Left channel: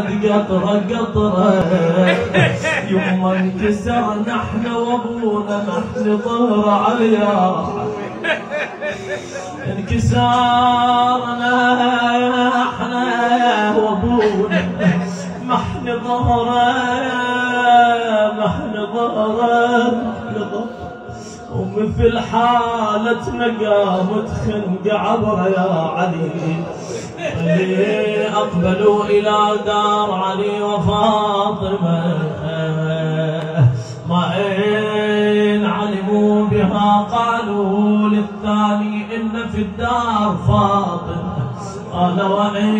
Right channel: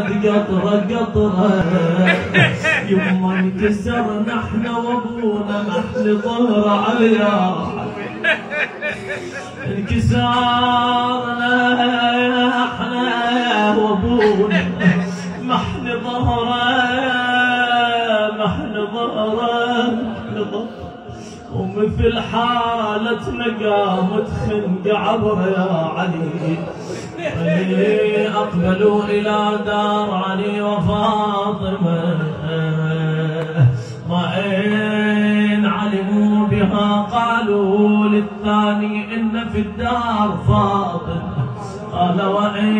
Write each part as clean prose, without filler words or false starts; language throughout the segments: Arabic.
بعد قطرة قطرة يما انكسرنا احنا وابونا محل ظهر عليا انكسرنا احنا وابونا محل ظهره محل ظهره ومثل حالتنا قامت خنق عبر يا علي أقبلوا إلى دار علي وفاطمة ما إن علموا بها قالوا للثاني إن في الدار فاطمة قال وإن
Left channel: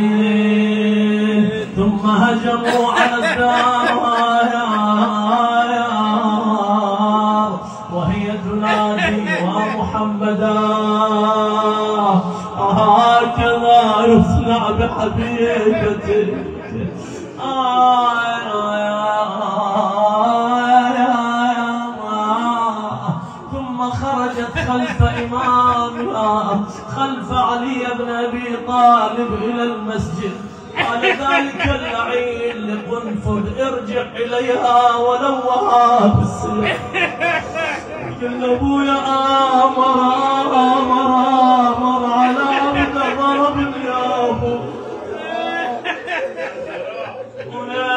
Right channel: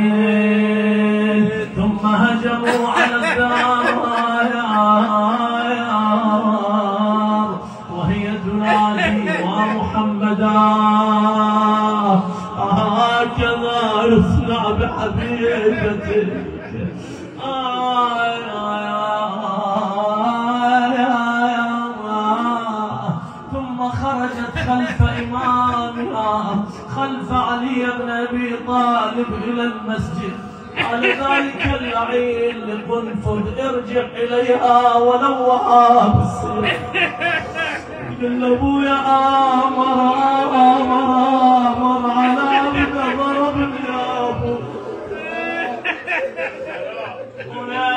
ثم هجموا على الدار وهي تنادي ومحمدا هكذا يصنع بحبيبتك ثم خرجت خلف إمامها خلف علي بن أبي طالب إلى المسجد قال ذلك اللعين لقنفذ ارجع إليها ولوها بالسيف قل ابويا امر على عبد ضربني يا ابو ويا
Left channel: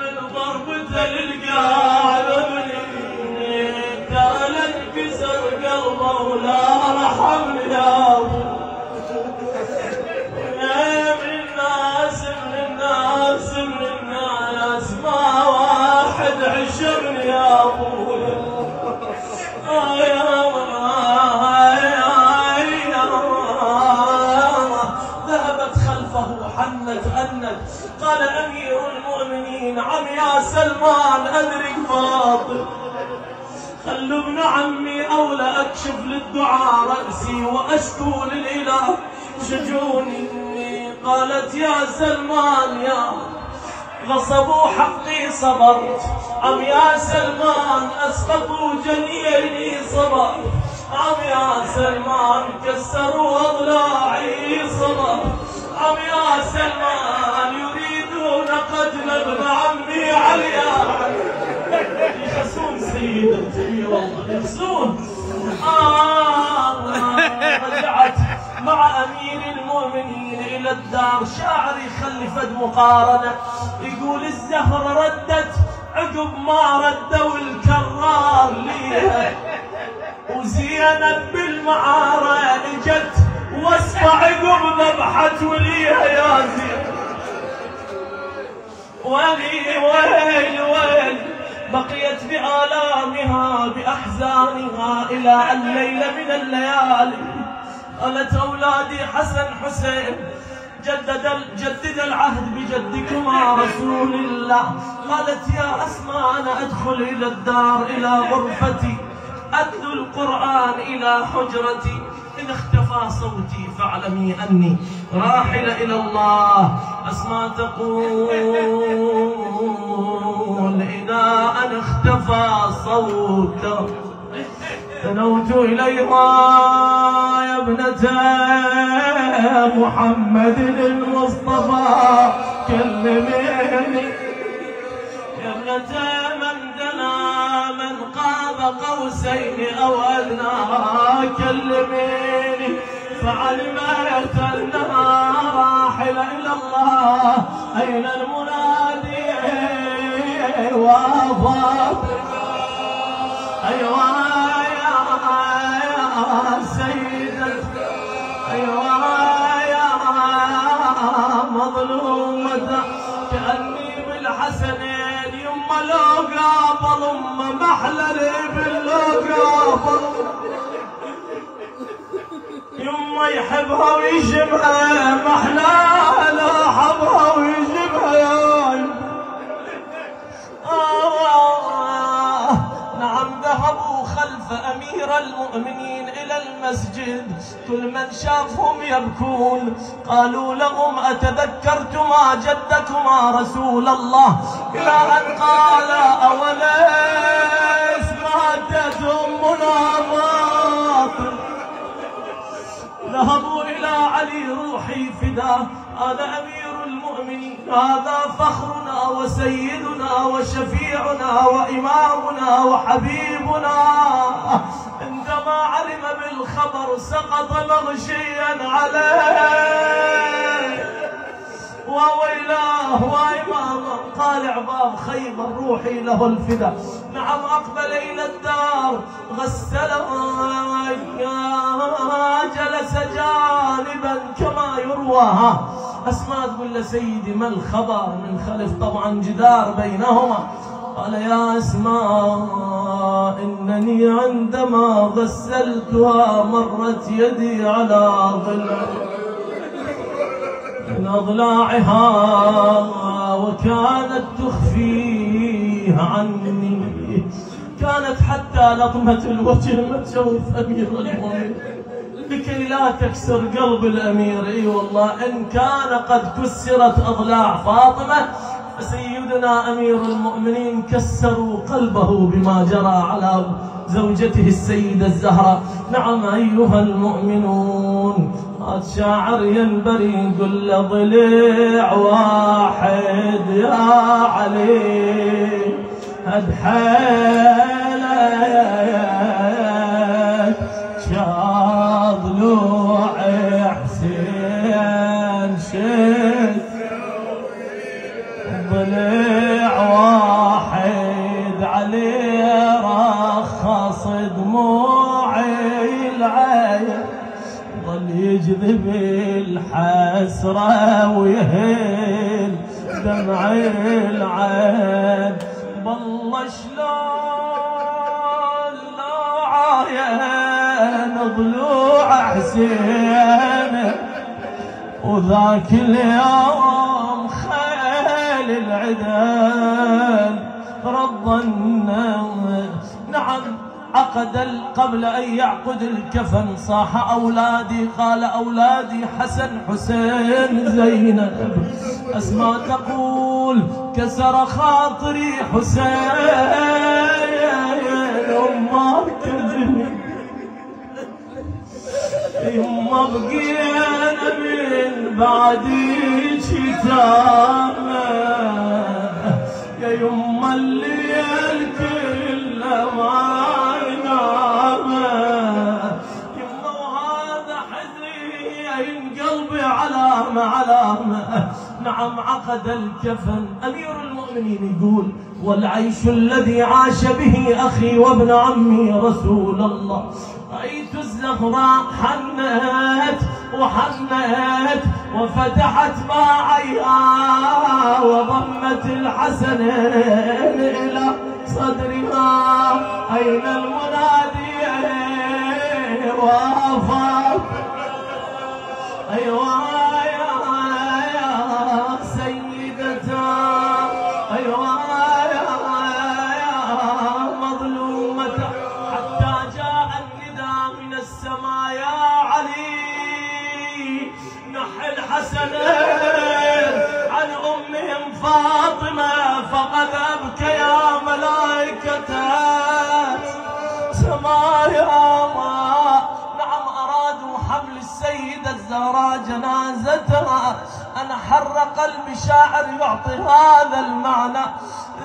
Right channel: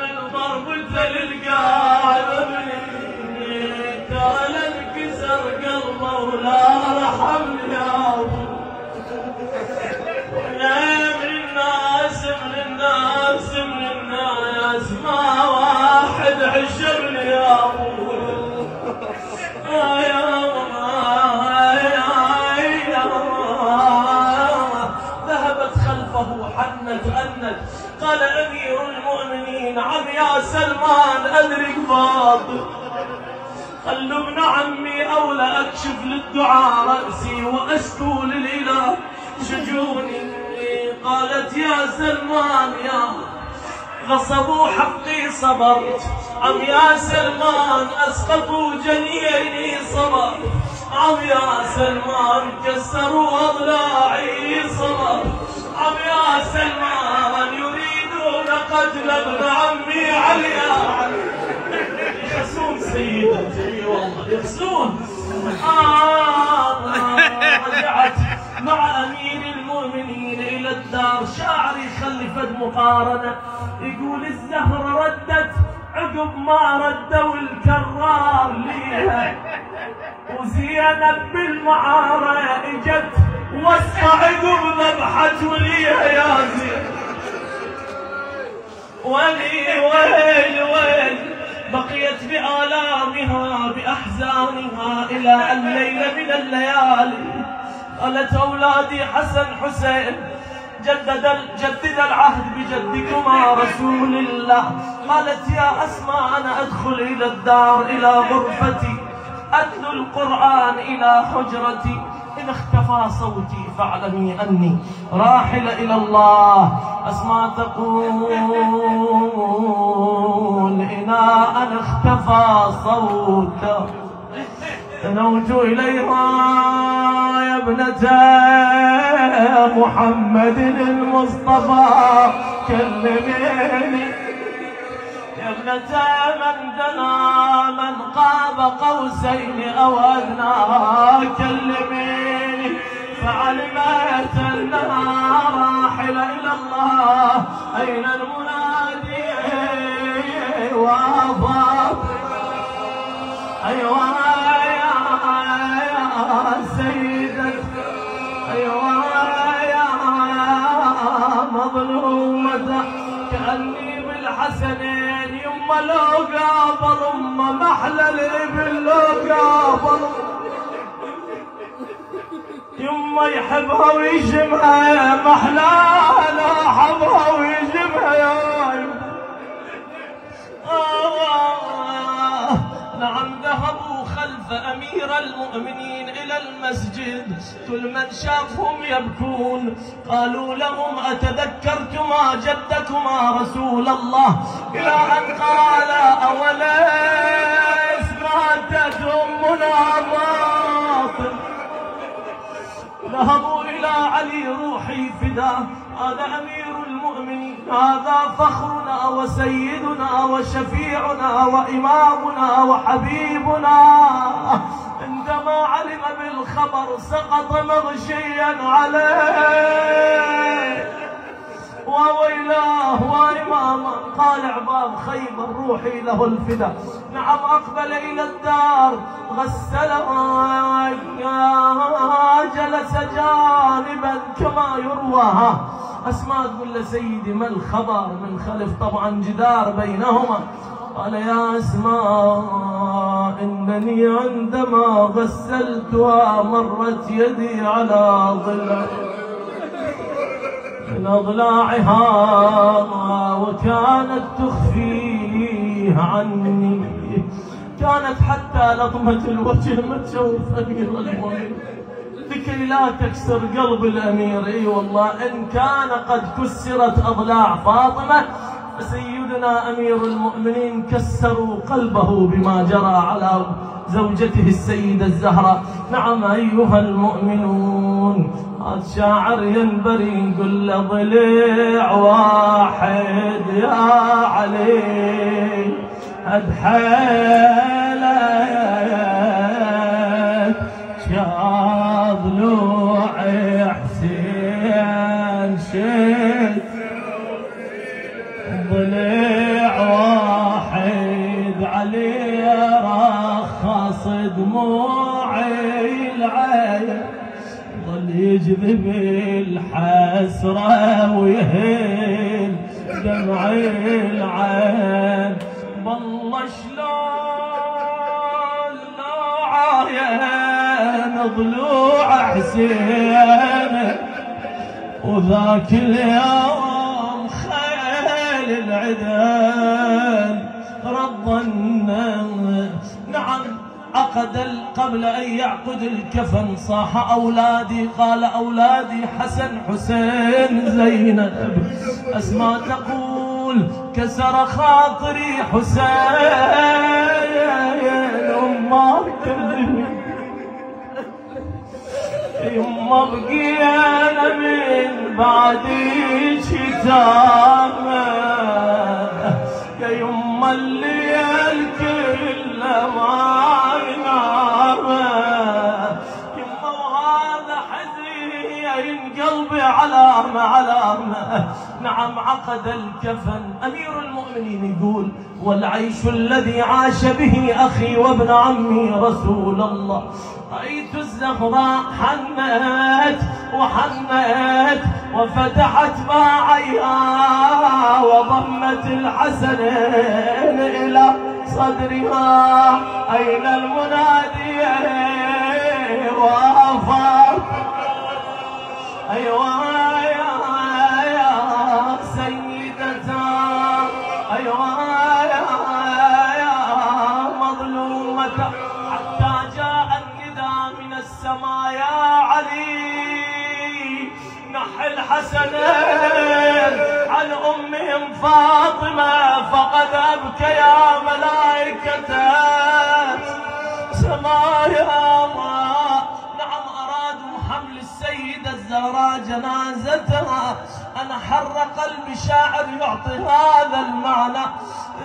من ضربته للقلب قال انكسر قلبه ولا رحمني يا ابو يا من الناس ما واحد عشرني يا ابو ذهبت خلفه حنت أنت قال أمير المؤمنين عم يا سلمان أدرك فاطمة خلوا ابن عمي أولى أكشف للدعاء رأسي وأشكو للإله شجوني قالت يا سلمان يا غصبوا حقي صبرت عم يا سلمان أسقطوا جنيني صبرت عم يا سلمان كسروا أضلاعي صبرت عم يا سلمان يريدون قتل ابن عمي عليا يحسون سيدتي والله يحسون رجعت مع أمير المؤمنين إلى الدار شاعر يخلي فد مقارنة يقول الزهرة ردت عقب ما ردوا الكرار ليها وزينب بالمعارة اجت وصفة عقب ذبحت وليها يا زين ويل بقيت بآلامها بأحزانها إلى الليلة من الليالي قالت أولادي حسن حسين جدد العهد بجدكما رسول الله قالت يا أسماء أنا أدخل إلى الدار إلى غرفتي أتلو القرآن إلى حجرتي إن اختفى صوتي فاعلمي أني راحلة إلى الله أسماء تقول إذا أنا اختفى صوته دنوت إليها يا ابنة محمد المصطفى كلميني يا ابنة من دنا من قاب قوسين أو أدنى كلميني فعلمت أنها راحلة إلى الله أين المنادي وافاق أيوة سيدتي أيوة يا مظلومة كأني بالحسنين يما لو قابل أم محلل باللو قابل يما يحبها ويشبها محلى لا حبها ويشبها يا نعم ذهبوا خلف أمير المؤمنين إلى المسجد كل من شافهم يبكون قالوا لهم أتذكرتما جدكما رسول الله إلى أن قال أوليس ماتت أمنا فاطمة ذهبوا إلى علي روحي فداه هذا أمير المؤمنين هذا فخرنا وسيدنا وشفيعنا وإمامنا وحبيبنا، عندما علم بالخبر سقط مغشيا عليه. وويلاه وإماما. قال عباب خيبر روحي له الفدا. نعم أقبل إلى الدار غسلها، جلس جانبا كما يروى. أسماء تقول له سيدي ما الخبر؟ من خلف طبعا جدار بينهما. قال يا أسماء إنني عندما غسلتها مرت يدي على ضلع من أضلاعها وكانت تخفيه عني، كانت حتى لطمة الوجه ما تشوف أمير المؤمنين لكي لا تكسر قلب الأمير. اي والله إن كان قد كسرت أضلاع فاطمة فسيدنا أمير المؤمنين كسروا قلبه بما جرى على زوجته السيدة الزهراء. نعم أيها المؤمنون، هذا شاعر ينبري يقول له ضلع واحد يا علي هد حيلك يا ضلوع حسين شد ضلع واحد عليه رخص دموعي العين، ظل يجذب الحسرة ويهل دمعي العين. بالله شلون لا عاين ضلوع حسين، وذاك اليوم خيل العدل رض النار. نعم عقد قبل أن يعقد الكفن صاح أولادي، قال أولادي حسن حسين زينب. أسماء تقول كسر خاطري حسين، أمه كذبي يما بقينا من بعدي شتامة، يا يما الليل كله ما نامه، يما وهذا حزين قلبي علامة. نعم عقد الكفن. أمير المؤمنين يقول والعيش الذي عاش به أخي وابن عمي رسول الله، رأيت الزهراء حنت وحنت وفتحت باعيها وضمت الحسنين إلى صدرها. أين المنادي وافق؟ أيوة يا سيدتا، أيوة يا مظلومة. حتى جاء النداء من السماء يا علي نح الحسنين عن أمهم فاطمة فقد أبكيا ملائكة سمايا. نعم أرادوا حمل السيدة الزهراء جنازتها. أنا حر قلبي شاعر يعطي هذا المعنى،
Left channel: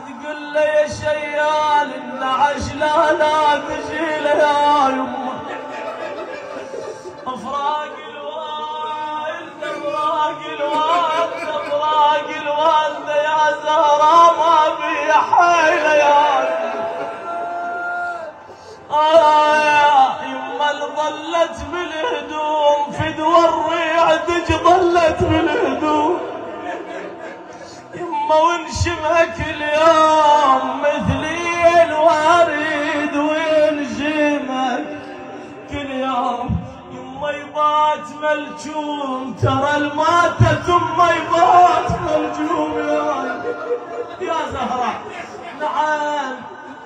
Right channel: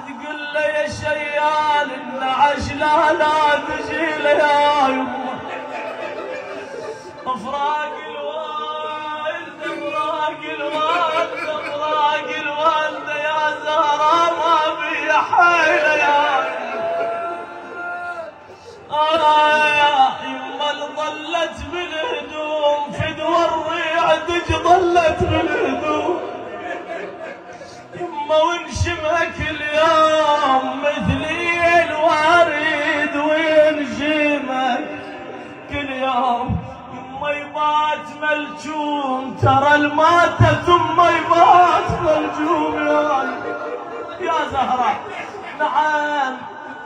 تقول له يا شيال النعش لا تجي له يا يمه، افراق الوالد افراق الوالد افراق الوالد يا زهراء ما في حيله يا يما اللي ظلت بالهدوم فدوى الريع دج ظلت بالهدوم، يما ونشمك اليوم مثلي الوريد وينشمك كل يوم. يما يبات ملجوم ترى الماتة ثم يبات ملجوم يا زهراء. نعم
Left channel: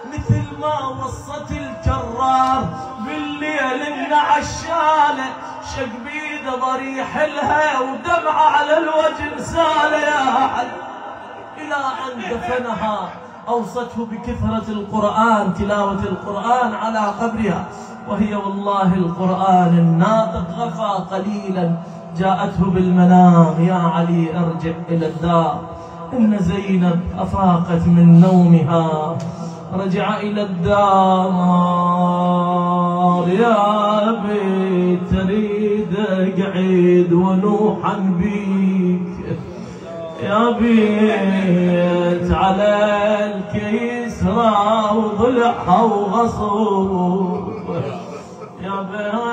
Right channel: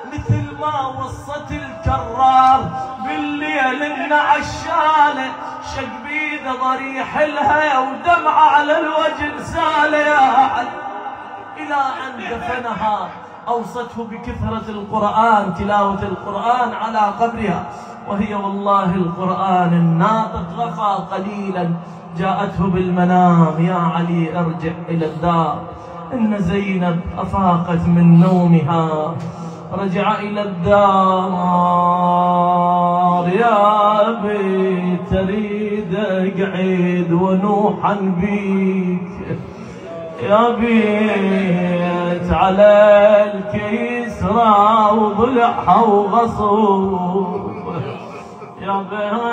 مثل ما وصت الكرار بالليل النعش شاله شق بيده ضريح لها ودمعه على الوجه ساله يا علي. إلى أن دفنها أوصته بكثرة القرآن، تلاوة القرآن على قبرها، وهي والله القرآن الناطق غفى قليلا جاءته بالمنام: يا علي ارجع إلى الدار، إن زينب أفاقت من نومها. رجع إلى الدار: يا أبي تريد أقعد ونوحا بيك، يا بيت على الكسرى وضلعها وغصوب، يا بيت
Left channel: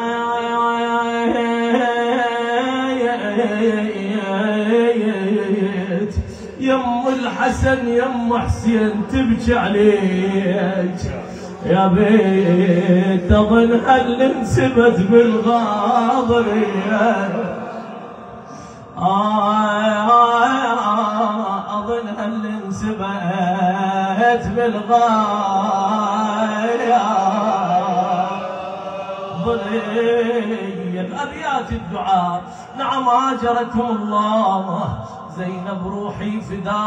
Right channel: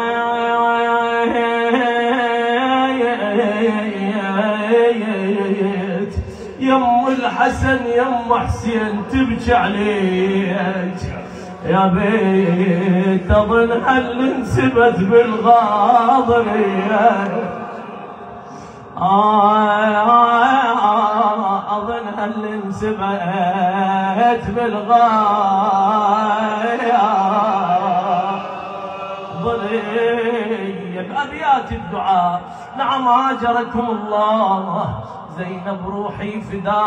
يم الحسن يم حسين تبكي عليك، يا بيت اظن هل انسبت بالغاضب، اظن هل انسبت بالغاضب. ابيات الدعاء: نعم اجركم الله، زينب روحي فداء.